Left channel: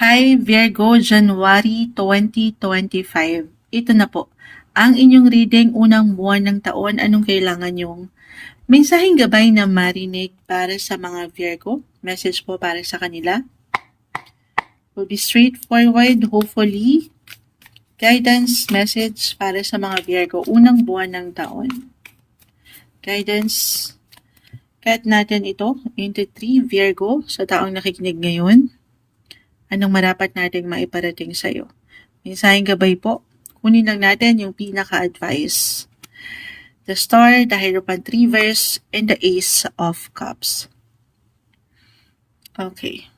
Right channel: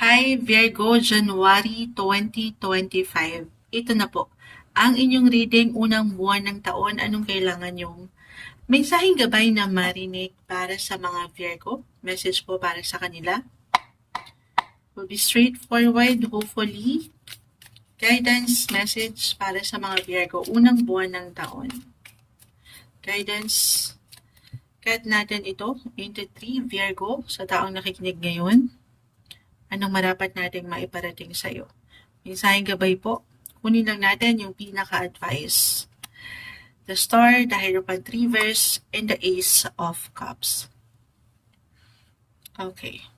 Hi Virgo, January 2025. Ito na po. Ang inyong reading unang buwan ng taon, anong kailangan yung mensaheng gabay na marinate para sa mga Virgo? Message po para sa kanila. Will be straightforward, hopefully. Guidance message para sa mga Virgo, unang buwan ng taon. Guidance, cut natin ito into 3 Virgo sa taong nakikinig ngayon. Anong marapat nating maiparating sa'yo? Mensaheng gabay po, kunin lang natin yung pinaka-advice. The Star, the Hierophant Reverse, and the Ace of Cups. Okay.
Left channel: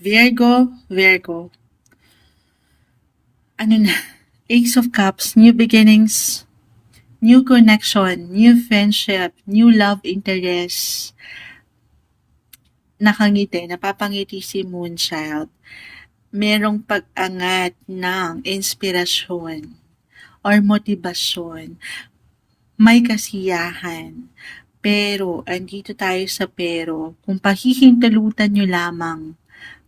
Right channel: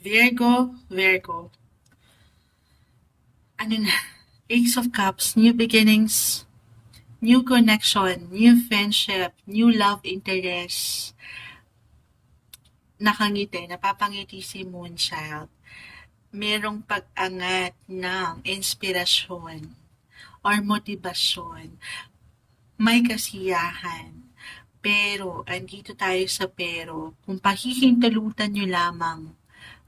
Virgo. Ano na? Ace of Cups, new beginnings, new connection, new friendship, new love interest. Nakangiti, napapangiti si Moonchild. Merong pag-angat ng inspirasyon or motibasyon. May kasiyahan. Pero, andito tayo sa pero, kung pahihintalutan nyo lamang,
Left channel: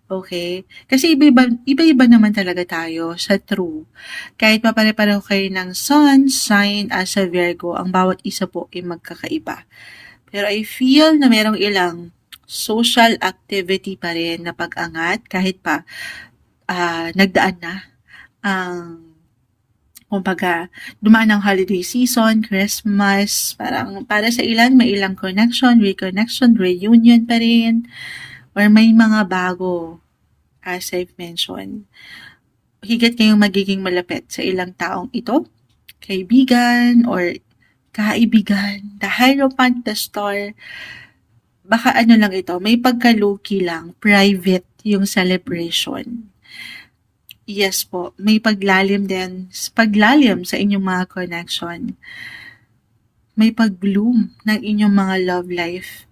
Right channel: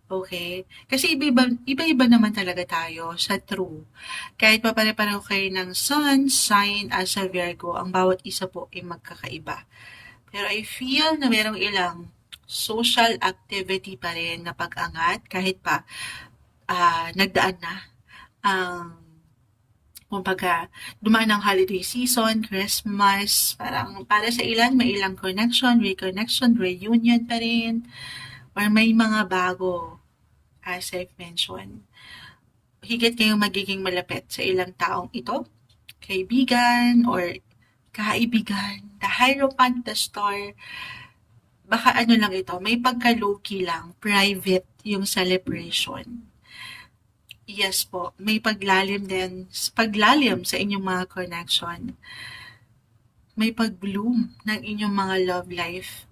okay? Kasi iba-iba naman talaga tayo sa true. Kahit pa pare-pareho kayo ng sun, sign, as a Virgo, ang bawat isa po ay magkakaiba. Pero I feel na merong ilang social activity pa rin na pag-angat kahit pa nagdaan na ang kumbaga, dumaan ang holiday season, Christmas, parang para sa ilan, may ilang connection, reconnection, reunion pa rin, or may mga bago, as I've mentioned. Higit kayong magiging malapit sa ilang taong ito, kaibigan, or kaibigan, the Hierophant, the Star, baka ano lang ito, may pagka-low-key lang, private yung celebration. Yes po, may paglalim sa inyong mga connection. May pag-bloom ng inyong mga love life.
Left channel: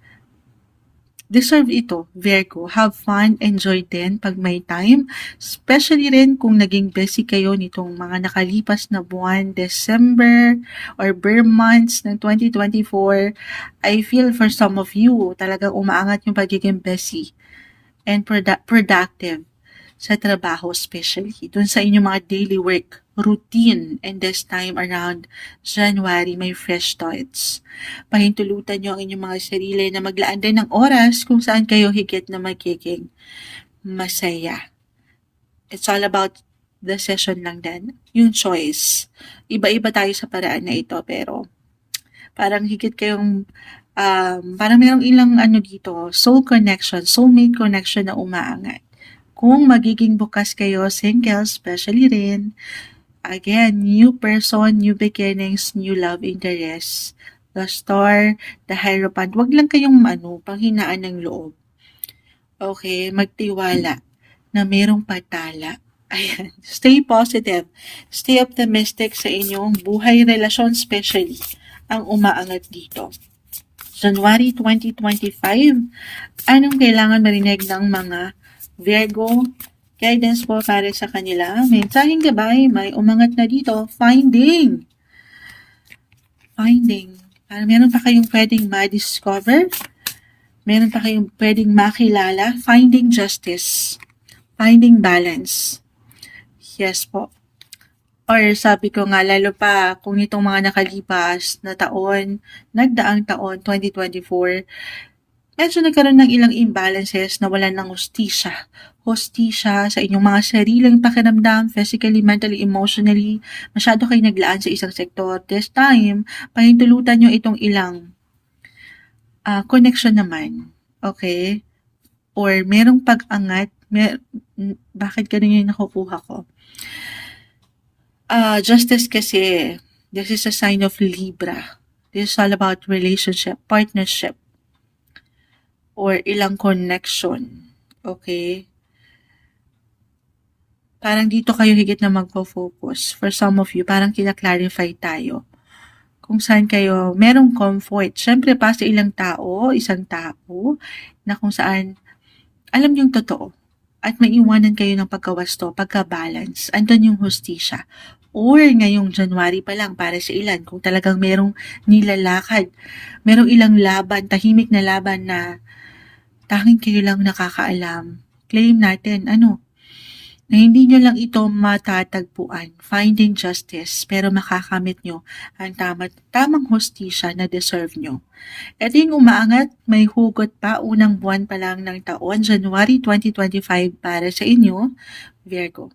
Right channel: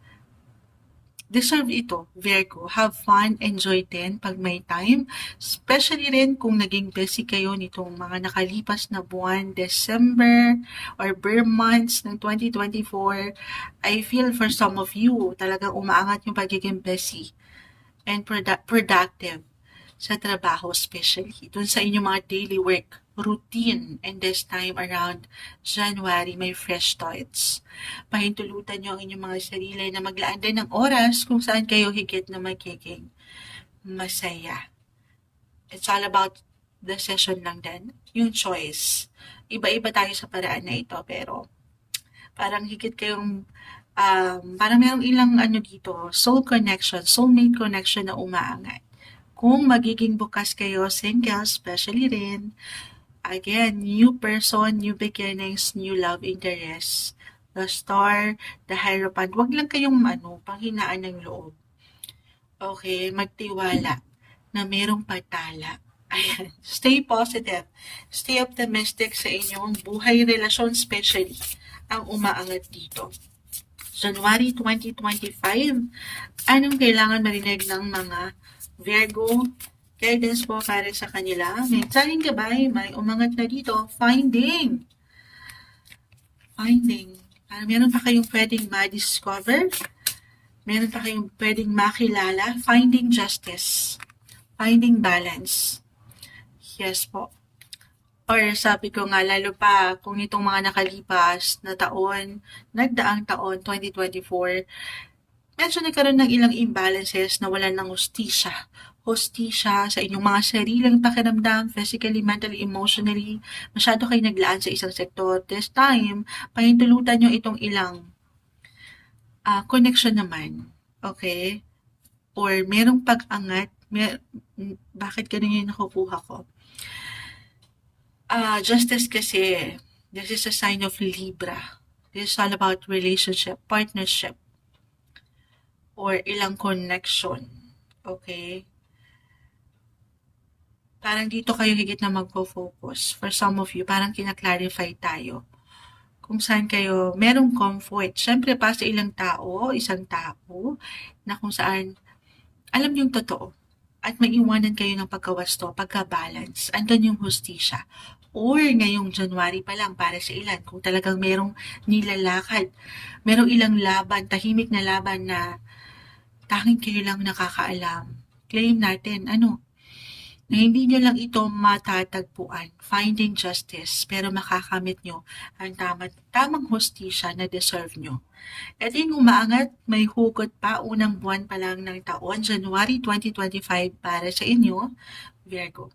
Deserve ito, Virgo. Have fun, enjoy din pag may time. Especially rin kung naging busy kayo nitong mga nakalipas na buwan, December or bare months ng 2024. I feel for some of you, talagang umaangat yung pagiging busy and productive sa trabaho, especially dun sa inyong mga daily work routine. And this time around January, may fresh thoughts. Pahintulutan nyo ang inyong mga sarili na maglaan din ng oras kung saan kayo higit na magiging masaya. It's all about the session lang din. Yung choice. Iba-iba tayo sa paraan na ito, pero parang higit kayong parang merong ilang dito, soul connection, soulmate connection na umaangat. Kung magiging bukas kayo, single, especially rin, again, new person, new beginnings, new love interest. The Star, the Hierophant, wag lang kayong panghinaan ng loob. Okay, magtiwala na merong patala. Ayan, stay positive, stay optimistic sa inyong buhay, relasyon, especially ang umaangat dito. January 2025, anong kailangan marinig ng mga Virgo? Guidance po para sa kanila. Mensaheng gabay, may umangat na dito. Finding. Meron pa kayong pwedeng ma-discover. Meron pa kayong pwedeng makilala. Finding justice. Finding balance. Yes po. Or sabi ko nga, lalo pa kung itong mga nakalipas na taon, nagdaang taon, 2024, medyo nagkaroon ng ilang imbalances na wala ng hostisya sa inyong mga sariling pakiramdam, physically, mentally, emotionally. Masyado kayo naglaan sa isang sektor. This time, pahintulutan nyo itong ilang connection naman. Okay? Or merong pag-angat. Bakit ganun yung nakukuha ko? Justice kasi, this is a sign of Libra. This is all about relationship, partnership, or ilang connection. Okay? Parang dito kayo higit na magpo-focus. For some of you, parang kina-clarify tayo kung saan kayo merong comfort. Siyempre, pa sa isang tao, na kung saan alam yung totoo at maiwanan kayo ng pagkawasto, pagka-balance. Andun yung hustisya. Or ngayong January pa lang para sa ilan, kung talagang merong nilalakad, merong ilang laban, tahimik na laban na Tanging kayo lang nakakaalam. Claim natin, na hindi nyo lang ito matatagpuan, finding justice, pero makakamit nyo ang tamang hustisya na deserve nyo. Ito yung umaangat, may hugot pa, unang buwan pa lang ng taon, January 2025 para sa inyo, Virgo.